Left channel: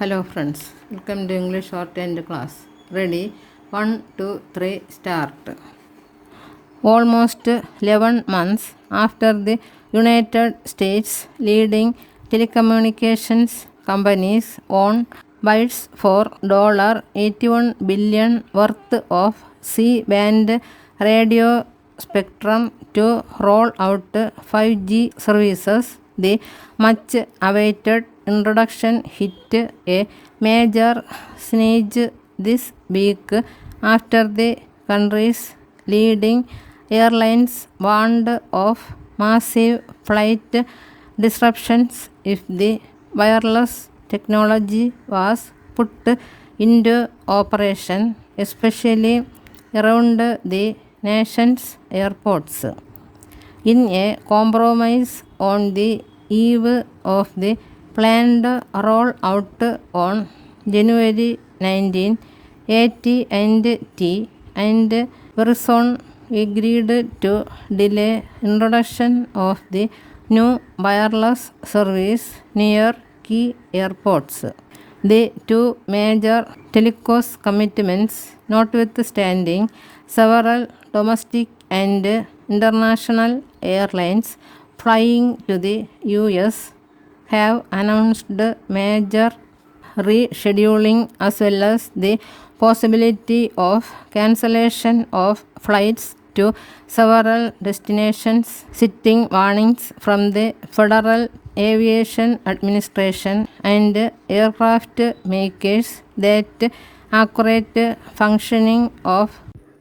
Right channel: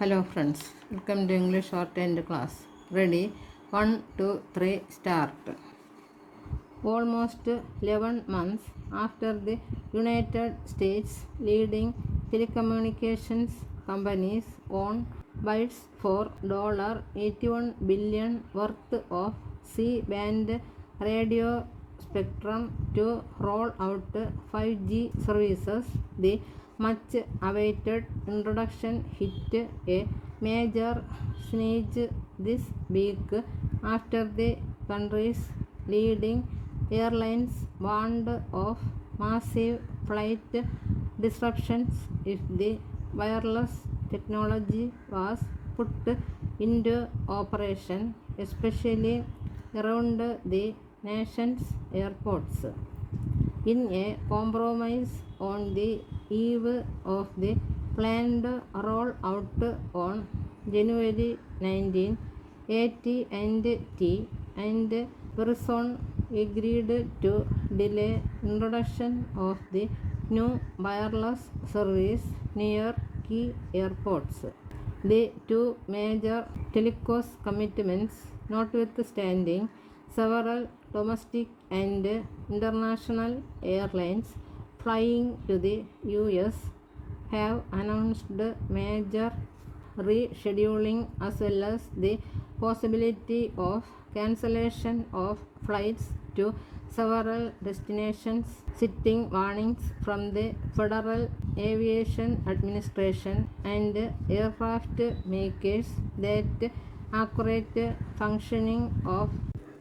Hello friends, welcome to English Shorthand class. Ready? 1, 2, 3, start. Almost 11 months after the United States leading telecommunications companies own bids for $81 billion worth of C-band radio spectrum to roll out 5G services, the much awaited introduction hit a major snag this week after the country's leading airlines warned of massive flight disruptions if the wireless technology was put into operation, especially around the nation's airports. In a compromise on the eve of the planned rollout on January 19, AT&T and Verizon agreed to delay introduction of the new wireless service near key airports. The two major telecom commitments notwithstanding, several domestic and international airlines flying to the US have announced major rescheduling as well as the possibility of cancellation of flights to several destinations, citing warnings from the Federal Aviation Administration and aircraft makers that accurate functioning of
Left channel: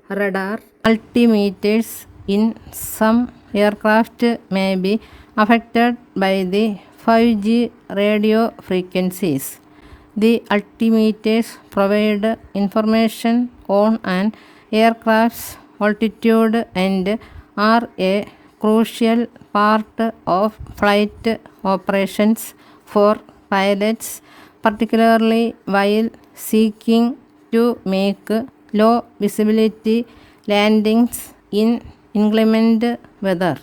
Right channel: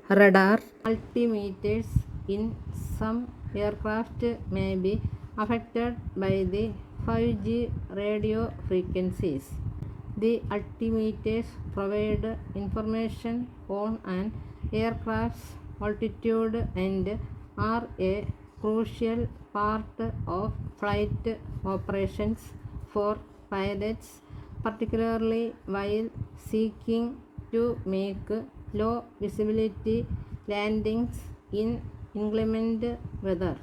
radar altimeters in some aircraft may be affected by the 5G radio frequencies. The altimeters provide information on an aircraft's altitude and are a crucial part of flight operations for pilots, particularly while seeking to make low visibility landings in inclement weather.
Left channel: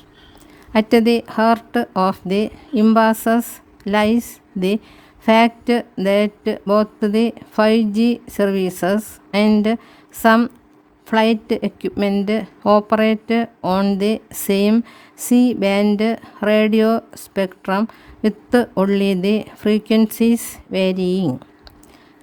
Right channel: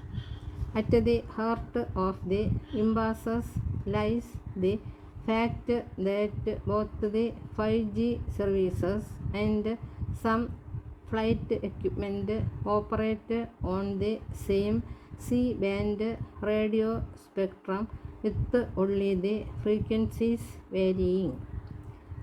At the heart of the impasse lies the fact that both the 5G services and some flight equipment operate on the same C-band radio spectrum with only the frequencies varying.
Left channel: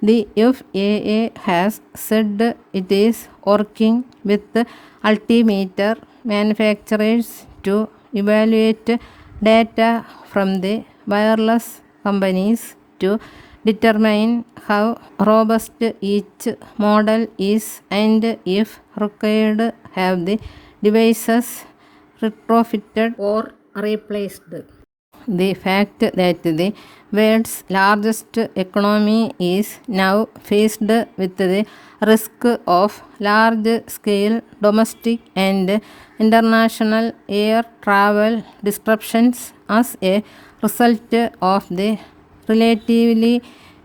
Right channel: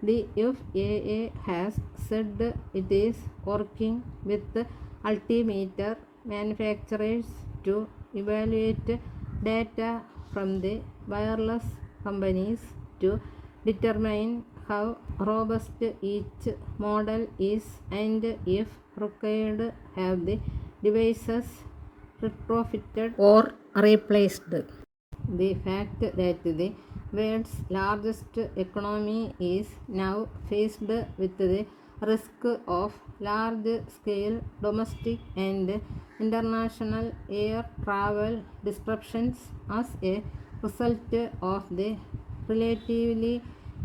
The FAA has said it is working with altimeter manufacturers to evaluate data from the wireless companies to determine how robust each model is and if required have the devices retrofitted or replaced. The fact that the world's largest economy is now faced with the risk of large-scale domestic and international air travel disruptions as a result of the relatively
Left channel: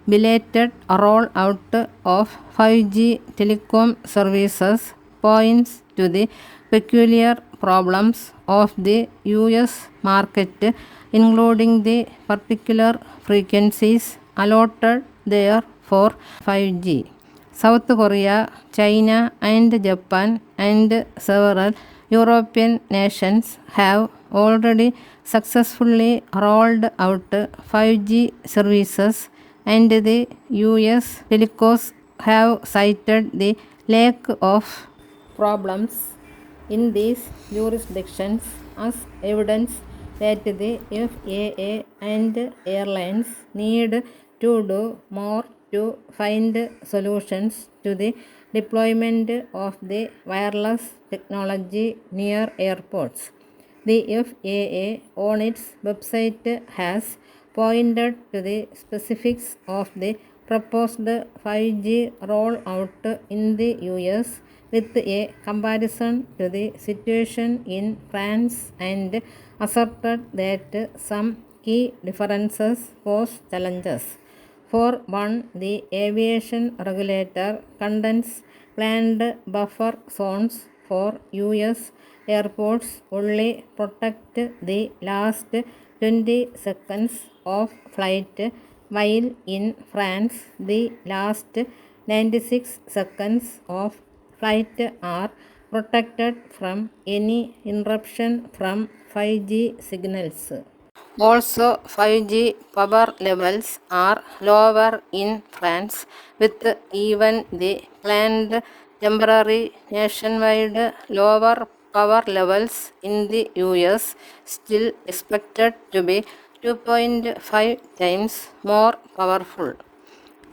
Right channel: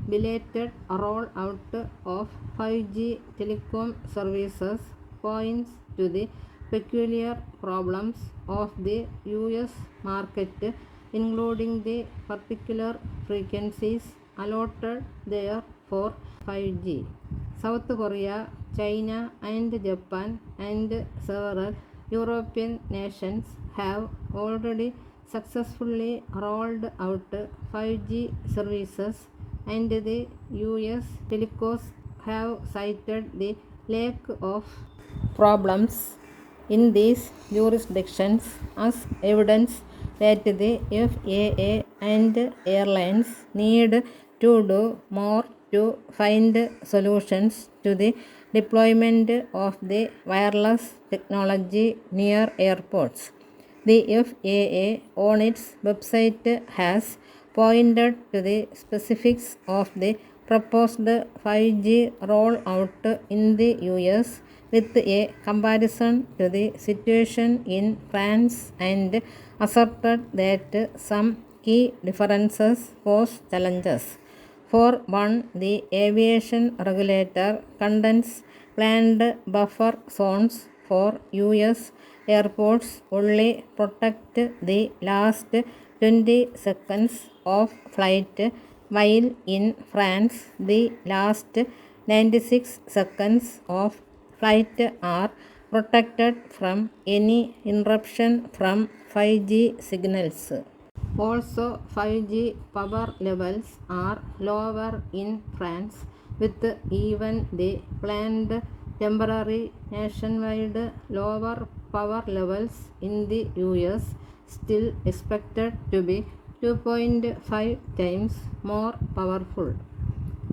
belated rollout of 5G telecom services points to the peculiar problems of the US market, including the particular frequencies allotted there for 5G. South Korea, China and Japan and several European nations have already successfully rolled out 5G services, and the US telecoms have cited the lack of problems in these jurisdictions as evidence that the FAA and airlines need to do more to find solutions to the deployment of the wireless technology near airports. The FAA on its website has pointed to the specifics of the proposed 5G rollout in the US with a comparison to the situation in France and asserted that some key differences pose challenges. For one, the aviation regulator contends planned buffer zones for US airports only protect the last 20 seconds of flight, while in France the last 96 seconds of flight are protected from any interruption from 5G signals. Also, 5G power levels are lower in France, with even the planned temporary nationwide lower power levels in the US still expected to be 2.5 times more powerful.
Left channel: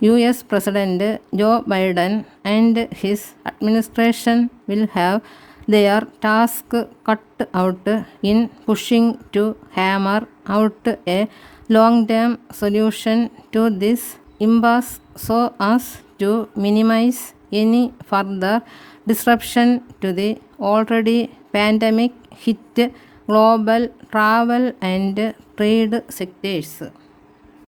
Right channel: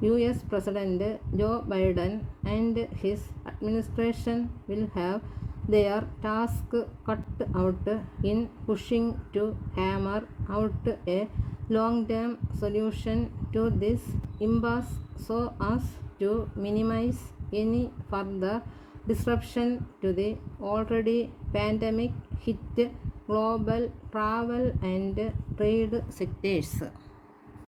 US President Joe Biden and his administration will have their task cut out in pushing to hammer out a long-term solution to this impasse so as to minimize any further disruption to the already pandemic hit global travel and trade sectors.